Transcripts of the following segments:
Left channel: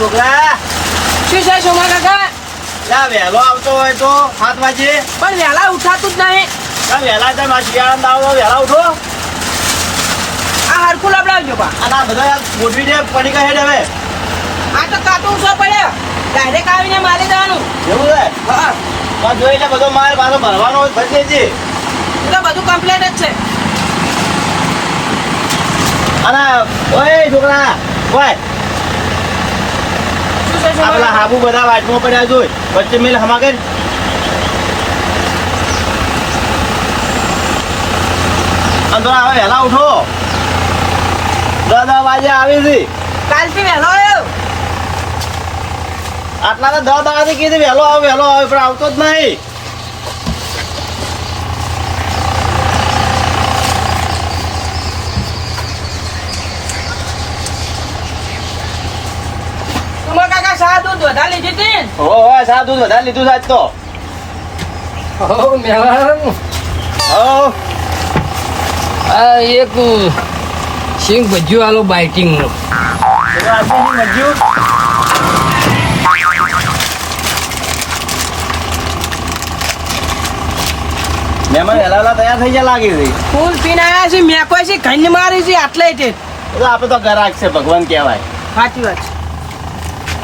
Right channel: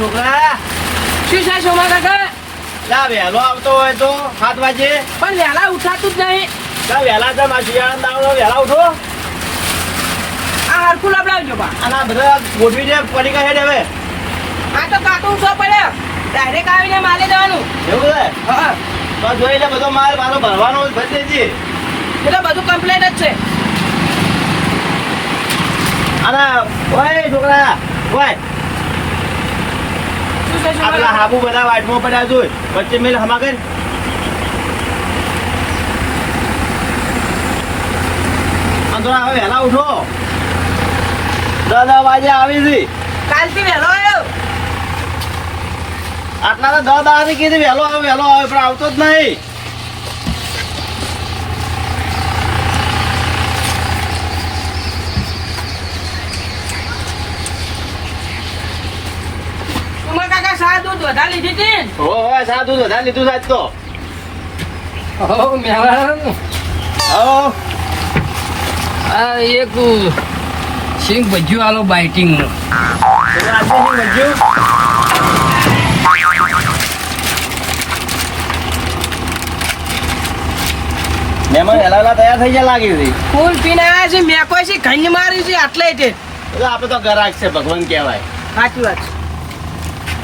છોકરા શું છે સોમા કાકા? લા વહેલો આવતો હોય તો 7 વાગે. પણ વહેલા ઉઠાતું જ નહીં. લા વહેલા છે મારા શિયાળા દાવડો વહેલા ઉઠો. આ હરખું લબડાવજો બા. અને આ બધા ગોઠવી દે પડી ગયા હેડ હવે. આ તો કાટું છો પડ્યો. ડાયરેક્ટ આવીને મારી દેવાનું. એવું છે? હા. બસ જોઈ લે બધો માલ પાછો ભરવાનો હોય ભરી દેજે. એટલે બધું કમ્પ્લેટ જ છે. અને ઓય છોકરા ઓય શું છે આ સોમા પેલા કાકા? હાબુ બધા વાટમાં પડ્યા જોઈ વચ્ચે મેલ હમા કર. અંદર હવે વહેલા ઉઠો. 10 વાગે આવી છે. કાલથી વહેલો આવ્યો. આટલા તો 10 દાડાથી કીધી વહેલો આવે પણ આવતો જ નહીં. સોમા કાકા શા દૂધ વધારે લીધી હતી ને? હો સા દૂધ વધારે લીધું છે આજ તો. ઓ મેવાન હો આ એક સિંગ ભજ્યું આલો બાઇટિંગ નો એટલે આજે શું મજ્યું? મહેમાન વહેલા તૈયાર થઈ ગયા લાગે છે. ફૂલ પીને આવ્યા છે મેં કોઈ છે ઘણી મારી છે આટલે તે એટલે આપણે તો ગરાક છે ભગવાન કહેવાય. સાચી વાત છે.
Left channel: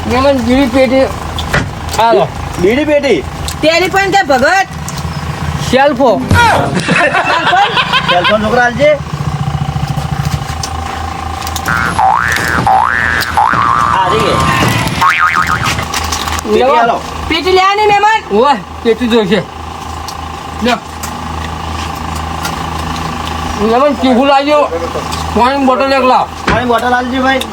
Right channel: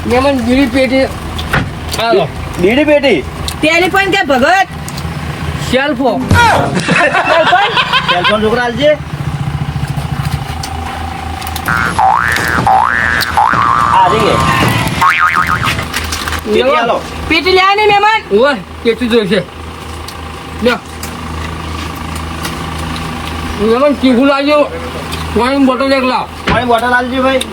મેમન બીડી પેટી આલો બીડી પેટી તેની પણ કે ભગત સેલ્ફો સેલફોન છોકરા હાલજે. પેટી હાલો. પીટી લ્યા ની મહેમાન. ઓય પેટી જોઈશે લ્યો મેમન ટીફું લાવજો પાણી બોટલ એક લાવ પાણી બોટલ હાલજે ભાઈ.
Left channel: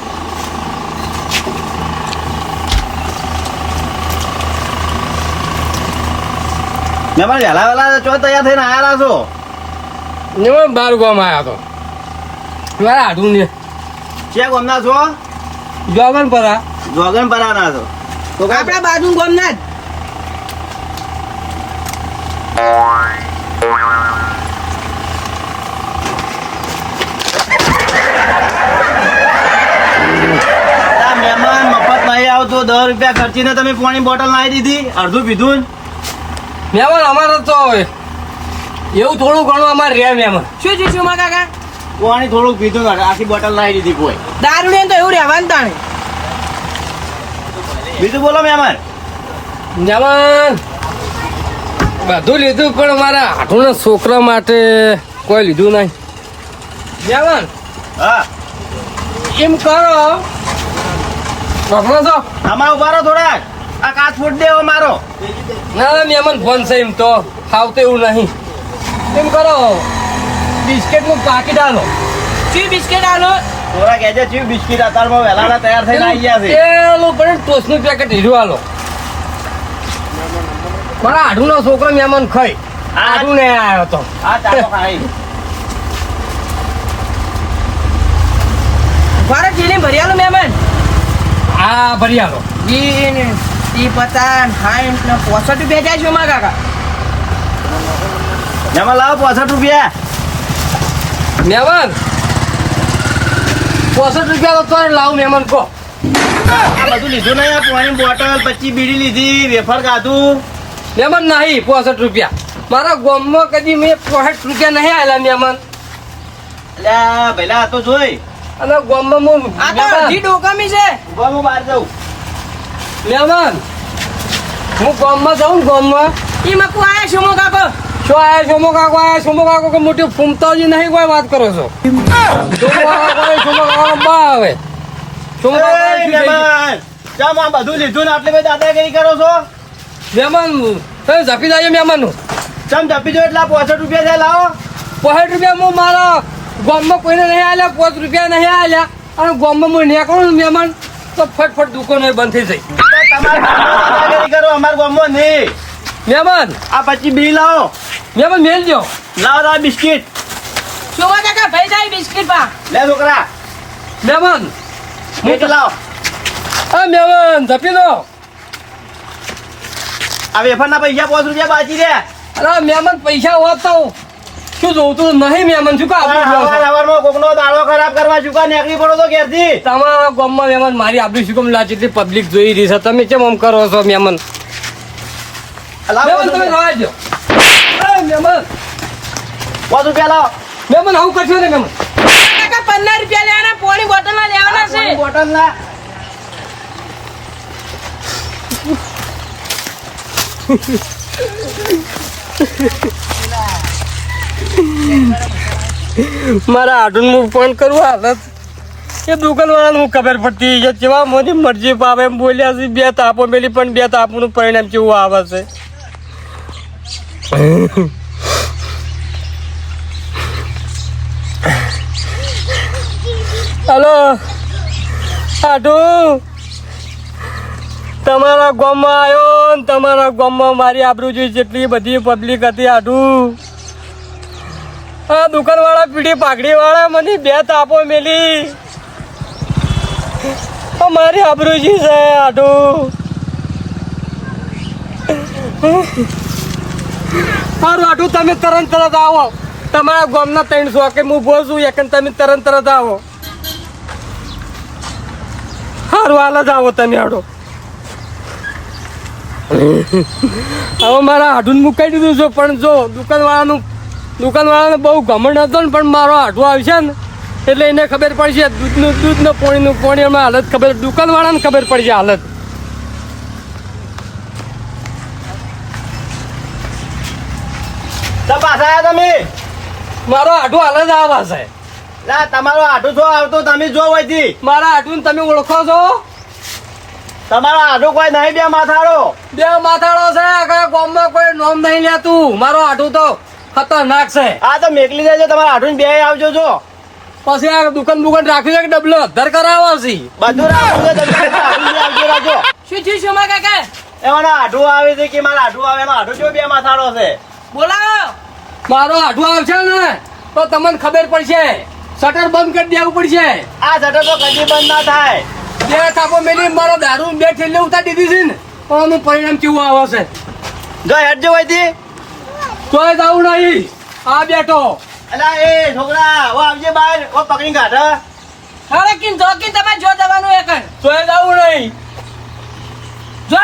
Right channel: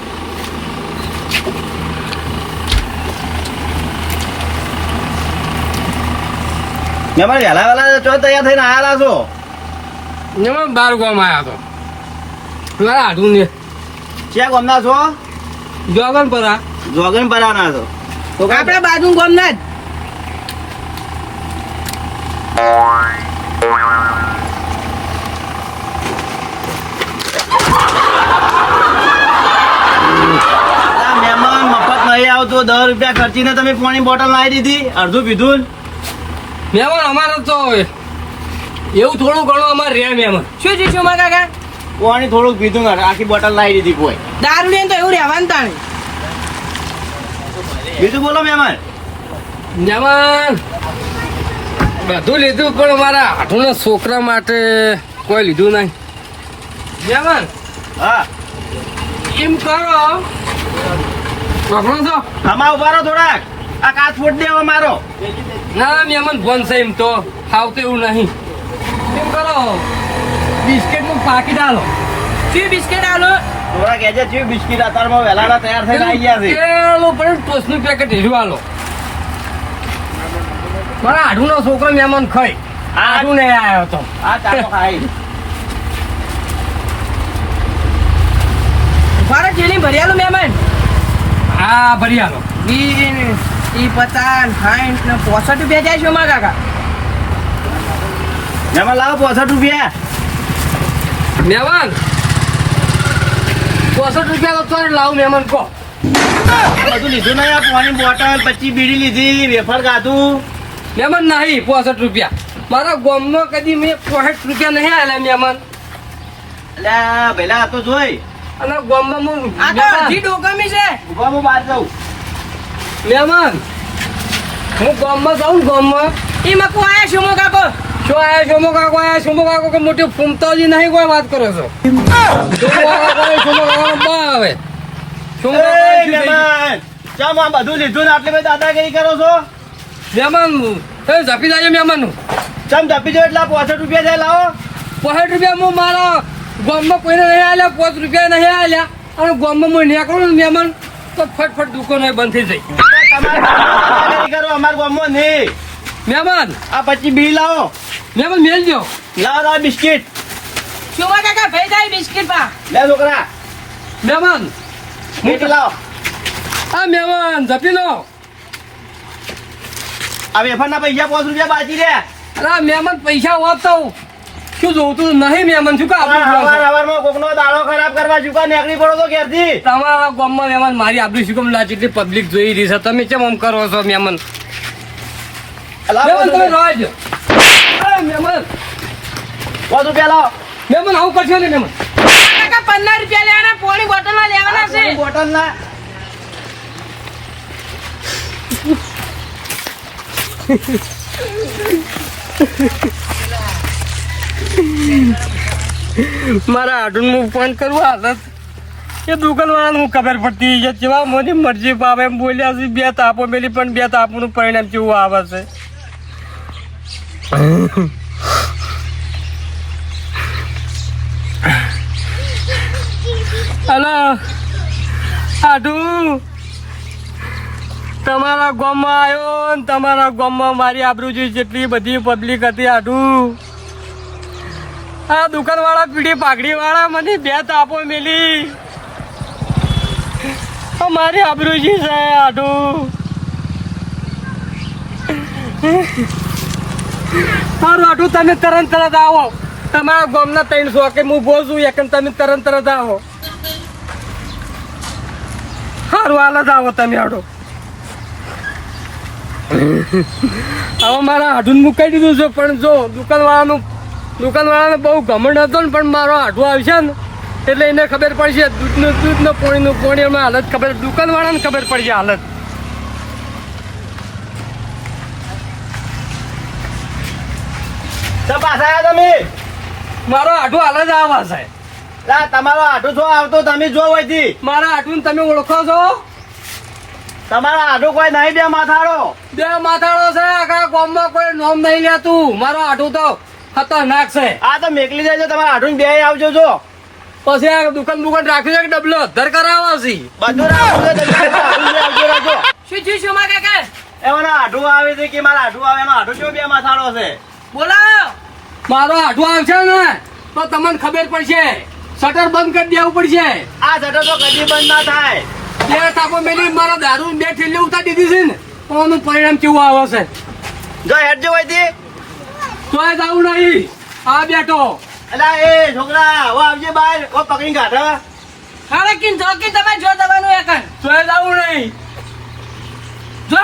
મહેમાન વહેલા ચો તૈયાર થઈને આયા છો. મેમન 12 ગામ આવ્યા તો મારા હાથું ને ક્યાં ગામના છો? જોગન પરા જોગન પરાના છો તો આપણા બાજુ ગામના જ. આ મહેમાન મફત નહીં આવતો. 10 રૂપિયા ખર્ચીને તમે પાણી બોટલ લાવી દીધી અડધું પીધું ને. મેમન અમારે તો એવું થોડું ઘણું અમારે રે મેમન શું છે સોમા કાકા? પાણી થોડુંક પીધું ને આખી બોટલ લાવી દીધી કોઈ. દારૂ ને તો એવું રહેવાનું તાણ. બીજું બોલો મહેમાન. મેમન બધું લીધું પણ મારા હાથોના છોકરા માટે કોઈ લીધું નહીં મેમન હા એમ કરો પકડો તો આમાં ઉભા રહો થોડાક. આ કાચ ફૂટ દેવો મારો. ના મેમન ફોન છે એમ તો ખાવતો એવું નહીં એમ કરો બિસ્કિટનું પાકીટ આલો શું બિસ્કિટ આલો? થોડા કહેજે ચીવ બિસ્કીટ અત્યારમાં વહેલા તૈયાર થઈને આવી ગયા છે. પેલું પણ ટોસ્ટનું પેકેટ લીધું આલો મારા આઢુનો છોકરો મેમન ખાઈ આઢું ને આવ્યો તો આ ચાલો ખાઈ. ભારત જેલી ભરિયાલું મહેમાન. આ ભરી આલો 20 50 60 ને 65 રૂપિયા જાય સોમા કાકા. મહેમાન લાવો 65 રૂપિયા. મેમન 65 રૂપિયા તો તોય લાવું મેમન કહો આ બધું લીધું નહીં. આ પાણી બોટલ 25 બીડી લીધી વેફર ખાધું. મેમન નહીં 65 રૂપિયા મારા ગામમાં કદી મેં 65 રૂપિયા નહીં આવેલા મેમન અલ્યા ભઈલા આ તો જોઈ. અને ગામમાં હું આ તો અડધી ડોકામી છે. ઉભા હું બહાર જાઉં. મેમન હું ગામમાં જાઉં ને ગામમાં ઈ મકુ આયા સોમા કાકો. શું આયા સોમો કાકો આયા સોમો કાકો કે મોટી ફૂમતાજી નહીં કોઈ વાત કરો છો સોમો કાકો બા આવે સોમો એ કાકો મહેમાન ચામ આ બધું લીધું ને આટલી બધી દાદાગીરી કરો છો. મેમન તમે ઝપી જાય મેમન ચમ જપી જો એટલા 65 રૂપિયા છે લાવો. 65 રૂપિયા હું મારા ગામમાં કોઈને નહીં આલ્યા 5 રૂપિયા નહીં આલ્યા અને ગામમાં હું નીકળું ને મહેમાન તો ફટફટ દુકાનો બંધ થઈ જાય તમારે દાદાગીરી કરો અમારા ગામમાં નહીં. મહેમાન આ 25 બીડી લાવો. મહેમાન મેલજો લાવો બિસ્કીટ. સોમા કાકા ભાઈ જાય બિસ્કિટ પા. લે છોકરા મહેમાન મીઠી લાવો. આ મહેમાન ઝપી લો આ વેફરના પૈસા 5 રૂપિયા બાકી રહ્યા. અરે મહેમાન પૈસા હોત તો શું જોતું નહીં મહેમાન શું કા આબરૂ હવાર જોવો છો? હવારમાં કોકનો દાડો ખરાબ કરવા ચૂકા નીકળી પડો તો ઘેરથી. તમારા ગામમાં મહેમાન મારી આબરૂ શું કેમ લાગે કે પબ્લિક જોઈ રહી છે તમે કેમ આમ કરો છો મહેમાન અલા, મહેમાન તમે પાંચ રવા દો મહેમાન રૂપિયા લાવો. મહેમાન આવું કરશો ને મહેમાન કાકા 15 રૂપિયા લેવાના પોણી બોટલમાં લેવાના આ પાણી છે બોટલ ના. મારા આઢું હું ફોન કરું હાલત એ દુકાનવાળાને હું ખબર પડતી કે જેવા મોદી મરજી પાવે એમ બોલ્યા છે બે તાપો મેલી પણ બે તાપનું પરિણામ કેવું આવે છે હલો આઢું તમારા ગામમાં આવ્યો ને તમારા ગામમાં મારી આબરૂ જોઈ જેટલી બધી પબ્લિક હતી આઢું આ દુકાનવાળા પીડી પાઘડીવાળા મને બે તાપો મેલી મારી આબરૂજી છે આઢું સારું આઢું તમે તરત આવો તમારા ગામના 300 કે હું બોલ છું એક તમે તરત આવો સારું હાલ જ આવો તમે આડો હવે મારા આઢું મુકાઈ દીધું છે પણ જો દુકાનવાળાને બહુ ઘમંડ હતો ને પણ મારો આઢું આવશે ને એટલે એને ખબર પડશે દૂધનો પોણી એમાં હાલત ખબર દુકાનવાળાને ખબર પડશે હાલત તો પાછા આયા તમે. મારો આઢું હાલત આવા સાહેબ લા, તમારો આઢું જો આવતો તમે જો હોયથી. મારા આઢું તમે ઓળખો છો તમારો આઢું કોઈ નહીં બે માથાળો. બે માથાળો છે આખા ગામમાં કોઈ નોમ નહીં લેતું મારો આઢું તો ખતરનાક છે આ તો મેકલી દેજો તમારા આઢું બે આવજો જો. પછી આ દુકાન રાખ્યું છે કે ડબલો અધર કરાવો છે બધું રાખજો, તમે આઢું બે આવજો રાખજો. શું થયું શું માં કાકા એમાંનો આઢું આવે છે કે મારા આઢું આવે એનો આઢું જો બે માથાળો છે. બોલાવો મારો આઢું આવશે ને તો તમને ખબર પડશે શટર બંધ કરી દેવું પડશે આ શટર તો કદી બંધ ના થાય. બે થાપો મેલી મારો દારૂ બે ઠેલી ઉતારી દીધી છે ને પણ આનું પરિણામ કેવું આવે છે જો હેડજો હોયથી. તોય જવું નહીં આ બેઠો અલા એ છોકરા ઓ આવજે બહાર ઓ પકડી કાઢ. હળકીન જોકીન તમે જો દવાનું એકન તોય જવું નહીં જો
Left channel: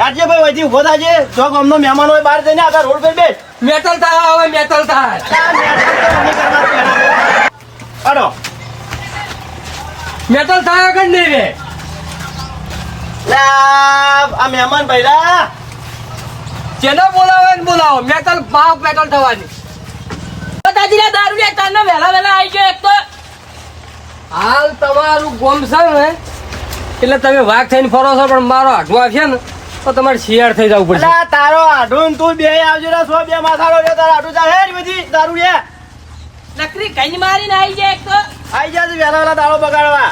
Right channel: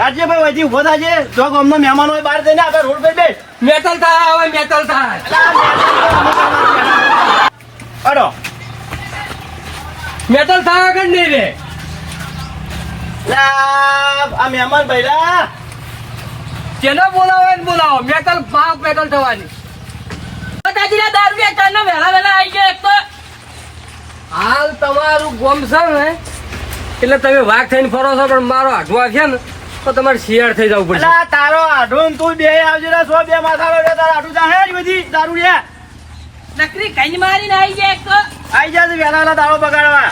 હેડજે ભાઈ હોયથી ઉભો થાજે. જો ગામનો મહેમાન હોય બહાર જઈને આગળ રોડ પર બેસ. મેટલ થાય હવે મેટલ થાય અલા, મેં તો અમે કરવાનું પહેલા. અડો. મેટલ થાય કે નહીં રે લા, આ મહેમાન ભૈરા જેને બોલાવે ને બોલાવો મેટલ બાપ મેટલ થવાની દાદીના દારૂ વેચાણ ને વેલા આવી ગયો એક તો હાલ તમારું ગોમ છે ને એટલે તમે વાઘ થઈને ફરો છો પણ મારો આઢું આવશે ને તો તમારે શિયાળ થઈ જવું પડશે અલા, તારો આઢું તું બે આવજો ને 100 બે માથાળો એટલે તારો આઢું જા હેડ બધી દારૂ લે. નકરી કઈ મારીને આવી જાય એક તો આઈ જા તું વહેલા વહેલા દારૂ બગાડવા.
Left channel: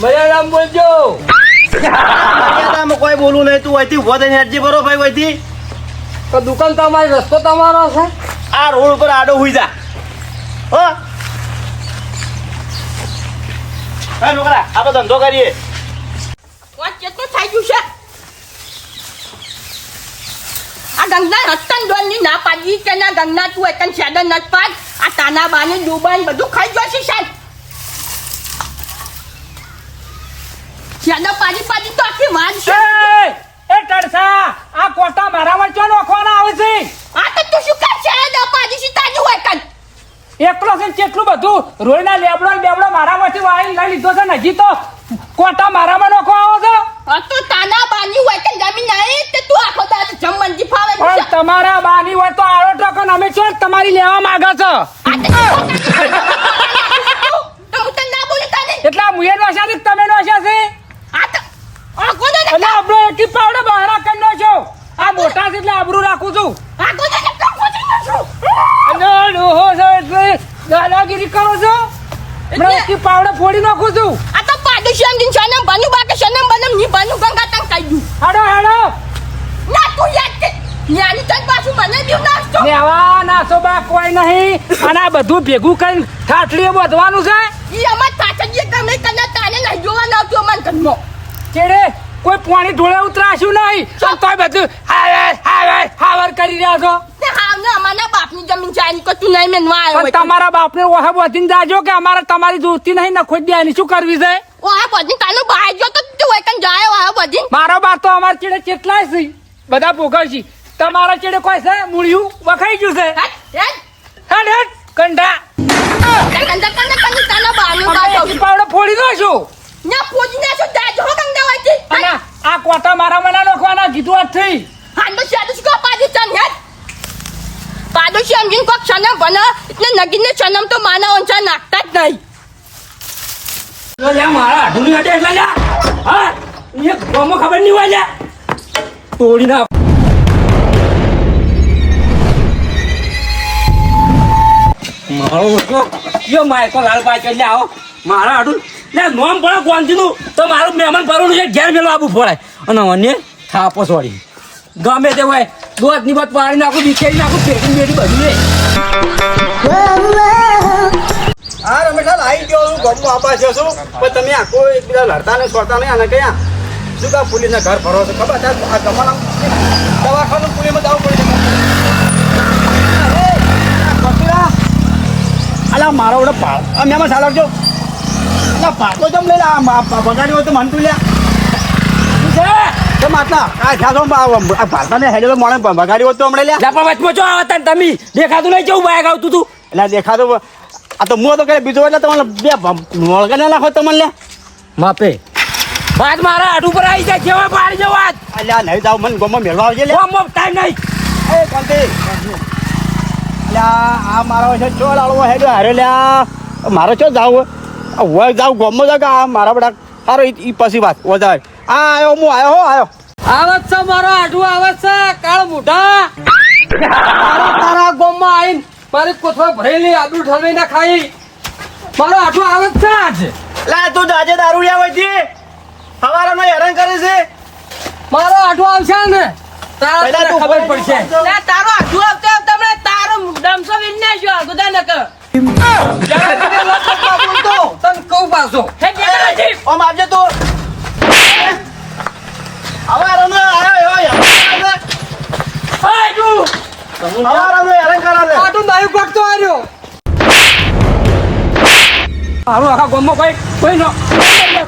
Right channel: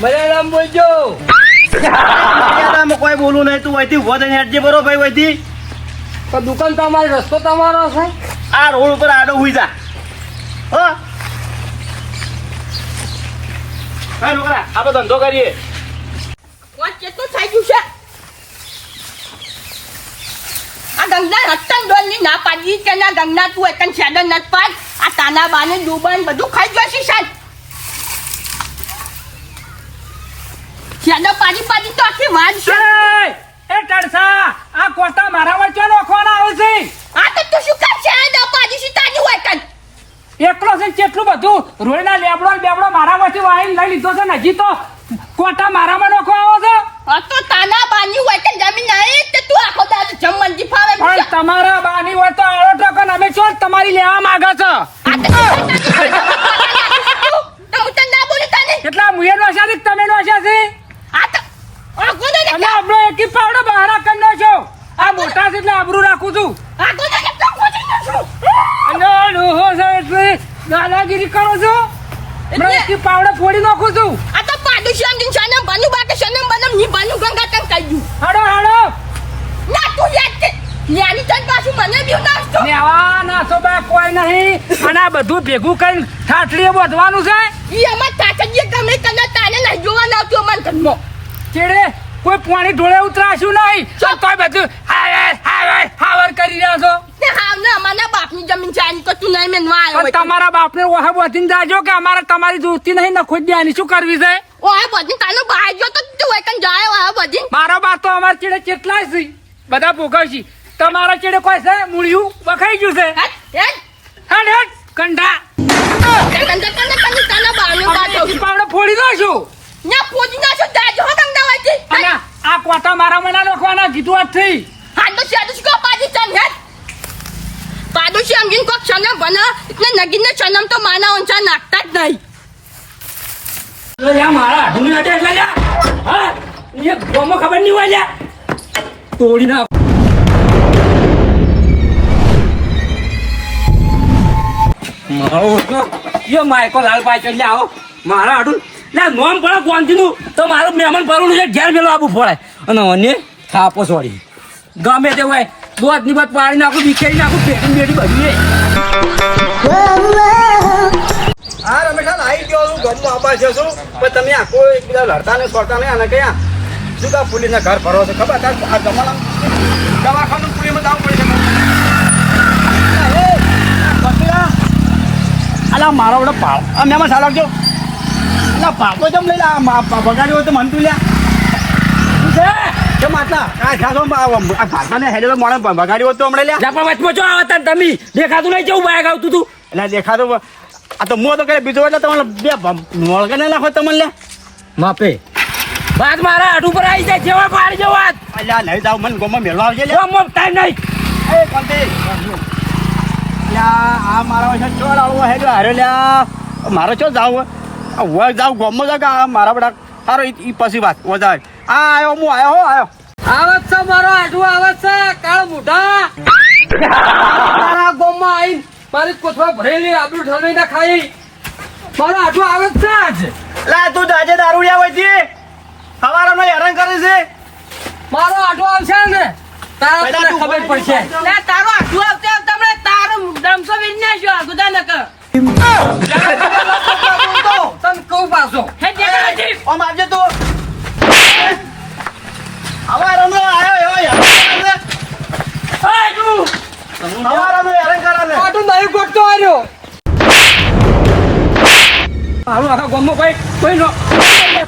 મલયાલમ બોલજો આમાં કોઈ બોલું નહીં તું હોયથી ઉભો થઈને હેડજે બરો ભાઈ હોયથી. તો દુકાન તમારી રસ્તો તમારો છે આ રોડ ઉપર આડો હુઈ જા. હો હે છોકરા આપણે ધંધો કરીએ. વાત કેટલું થઈ ગયું છે આ ગંગા હસ્તન ડોલની ના પાડી કે ના ગંગા તું એકન શેડર નત પાડ આ તાના બાને દુબાન બધું ખાઈ ગયો છે સાહેબ શેડર પાડી તો આખી વાન છે એ ટડસા આ કોટા મારા વચ્ચે નોખવાના આવે છે આ તો તું શું કામ શેડર પાડી છે તાની હોય કન એકલો છે કેટલું બધું રોયના લેબડો બેબડો મારા વચ્ચે વાળી લઈ લીધો છે ને હજી તો કોટા મારામાં નોખવા આવો છો આ તો તાના બાની હોય કન જમીન આઈ તે તું આખો દાદ જમણજી ફાવે પણ તમારા બાની હોય તો આળો ટકો ને અમે છો તમારી લેવા માંગે છો તો હું તને ના બોલું તને એટલા મુએ નોશા છે તમે નોશા છે આ તો આ કોને એટલે આપણો એકી પાવડો બહાર કરનો છો આ મોટા છે એટલે આબરૂ રાખું છું આ કોને તો કોને નસું અને ડોહો છે એટલે દાદાગીરી કરું છું એટલે એકી પાવડો ફોડી નાખું છું આ તો પાડોશી અંગીન શાનમ બાનુ બાકે શાનમ બનમ ની બાનુ ગંગા તંગ કાઢ્યું હાડો હાડો ના તું યાદ કે ન્યાની તન પાછું મને બીવ નાખતો લેવા નાસો બા કોઈ નહીં અને આ બધું ભેગું કઈ થાટલીએ બોધવાનું છે ઈ અમાર તાતજીએ ગમે તને તાને ના જોવા ના આવતો મન કનમો ચેડે કોઈ પાણી ઢોળે ઉતરાશું નહીં તો તોય બધું હાવર કરી રહ્યા છો તે હા તમારા બાપની જમીન છે આની તો તું નહીં મેનવા આવ્યો પણ હોય તમારા બાપને ઓહા બોધીને જાજો કે અમારે તમારી દોસ્તી નહીં નખો દેવાની શું કરવી છે ઓ આ બધી તાનો બહાર ગયો તો તું એકન જાય આ બધી મારો બા તો અમારા ચેડે કેટલા છે બધા ભોગવશી તમારા ચેડે કોઈ છે મૂળિયું વખાઈ ગયું છે હેડ હેડ કંડા તાનો બાનો બાતો પાવડો ફોડી દો છું ના પોજી ના છો દાજો ગંગા વાતી અને આ કોટા મારા મના નાખવાના કીધું આજ થઈ હાંડો સાદુસ કો પાડી ચાન હેડ પાડોશી અંગીન કોક છને બનો એટલે નગીને છનમ તો માના ઓંચા નાખતા જ નહીં યા મારા આઢુની અડે એટલે લ્યા હા એ ગોમો ખબર નહીં હોય લ્યા તોડી ના મારો યો માયકો લાલ પાય કે આવો મારા આઢું લે નોમ પડે કોંતીનું તો મારું મહેમાન ભરવાનું છે ઘેર મેલો આપવું પડે અને અન્ય થાપો છોડી ગમે તે હોય દોધ ની બાદ પાડી નાખું વિખેરી નાખું પેટી બેટી બધું હા રમેશલાલ આવી ગયો હું ગમો આપા છે શું પણ તમે આખો એકબીજા લડતા ને છોડતા નહીં અને કયા શું કા પોલીસના ઘર ભરો છો ખબર છે આ જમાના દવાખાનું પોલીસમાં જવું પડે છે પકડા અલા મારો વડે પાળ અમે એમાં ચાલકજો ના પાકો જમ લઈ લે બગાડ્યો તો મન તું લ્યા શું છે કેમ આટલા આ જાતો આ ભારતાને હેડેલો મોણે બગાડ્યો તો હમણાં લ્યા પણ વચમાં જો આવતા તમે દેખાતું નહીં કેવું બાયક આવતું તું એટલે દેખાતું આ તો હું તો કે બીજો એટલે તમને બે મોળકા ના નાખો તમને લ્યા માપે વાત મારા હાથ ઉપર આવી જાય જેવા પાડી જો વાત અલ્યા નહીં જાવ મને ગમો મેળવા આવજે લે ગોમો ટાઈમ નહીં એ કાંતિ અલ્યા આ મારો છે ચો લાળવો હેડો હારે લ્યા મારો ચો જાવ હોય જાવ ગમો જાવ કે આ મારા બડા સારો ઈ પછી વાત વધારે આ આવ્યો હું આવ્યો હો આવ્યો આવત છે મારો આઢું આવત છે કાળ મોઢા તારા ગોમમાં આવીને મારી કોથળા ભરેલી આબરૂ ઠલવી ના ખાઈ મારો આઢું આવત છે આજે લા તું આજે દારૂ લ્યા હોય છે હવારાનો હેરાન કરે છે મારો આઢું આવશે ને તારા તને ખબર પડશે લે તારો આઠું આવતે આવતે હમણાં તારો મુગડામસો વિન્ને જો ગુદા નક તને કહું પાછો ઓમ આવજે તું હવારાનો આવ્યો હવારાનો હેરાન કરે આઢું નહીં ગોઠતો આવ્યો મારું આખા ગોમો કોઈ નો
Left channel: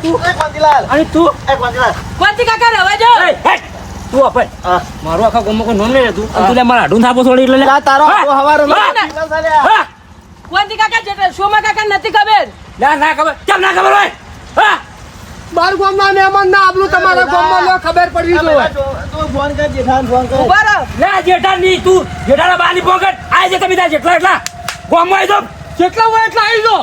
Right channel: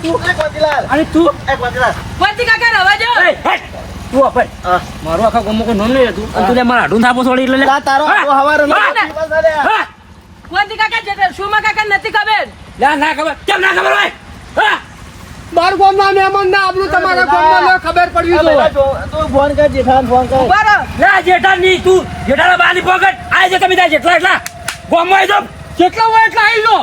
તું એ કોતીલાલ અને તું એ કોતીલાલ કોંતી કાકા રવા જો તું અપાય મારું આખા ગોમો કોઈ નોમ નહીં હતું અને તું લે મારા હાડું થાપો છોડી એટલે લા તારો હવારાનો કોંતી કાકા જેટલે સોમા કાકા નથી ખબર લે ના ખબર કેમ ના ખબર હોય હા મારું ગામના મહેમાન ના આબરૂ તમારા ગામમાં લો ખબર પડવી જોઈએ તું ફોન કર જેઠાન ફોન કર ઉભા લે જેઠા નહીં તું જેઠાના બાની પોકેટ આય છે તમે ત્યાં જેટલા એટલા ગોમો આવી જાવ જેટલા હોય એટલા આવી જાઓ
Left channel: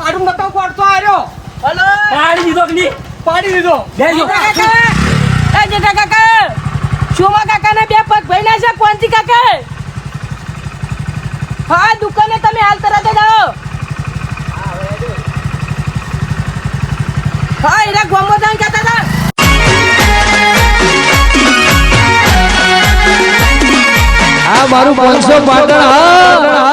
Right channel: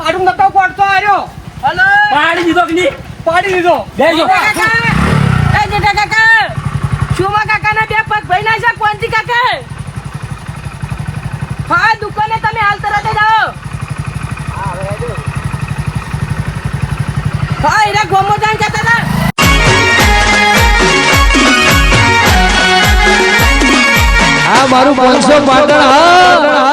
આઢું નતો ગોઠતો આવ્યો હલો પાડી દીધો કે નહીં પાડી દીધો લેજો કાકા એ જેઠા કાકા સોમા કાકા ના બે પગ ભઈના છે કોંતી કાકા હા દુકાને તમે હાલ તરત જ આવો હા એરા ગોમો દાન કહેતા હતા આ મારું 500 પાટણ હા